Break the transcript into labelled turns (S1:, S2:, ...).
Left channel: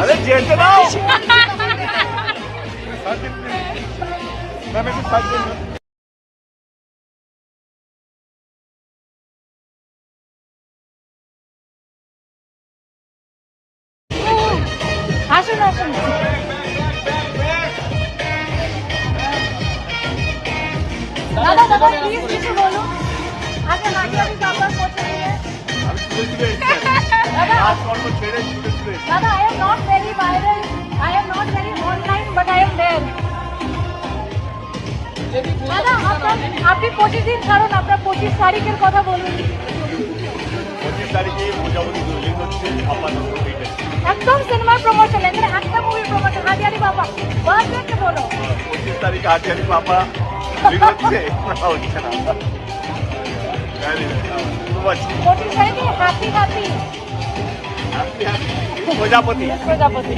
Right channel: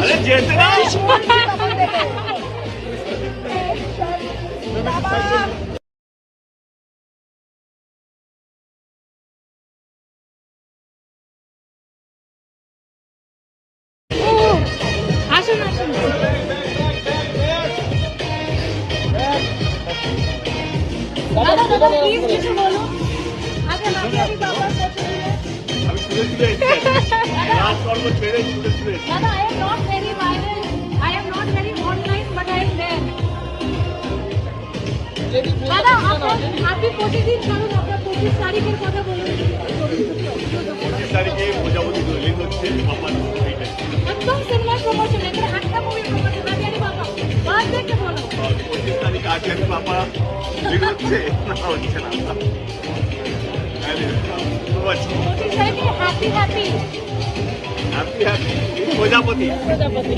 S1: আরে যেতে দাও
S2: আসুন আসুন দাদা দাদা প্লিজ কিছু বলুন
S1: ছুটে ছুটে
S2: দাদা
S1: কর্ম ছেড়ে ছুটে ছুটে
S2: দাদা I am not very viral I am not very online but I am there দাদা আপনার আপনি পঁচিশ দিন ছাড়ুন আপনার পঁচিশ তারিখের কথা বলুন।
S1: পঁচিশ তারিখে মোটামুটি রিলিজ হচ্ছে এইটাই
S2: একদম সিনেমার প্রমোশন এখানে একটা মুভি প্রমোশন হাজিয়ারি বাবা। বার্থডে বলো।
S1: পঁচিশ তারিখে আজকে বাবা হচ্ছে না হচ্ছে না প্রজাপতি।
S2: প্রজাপতি।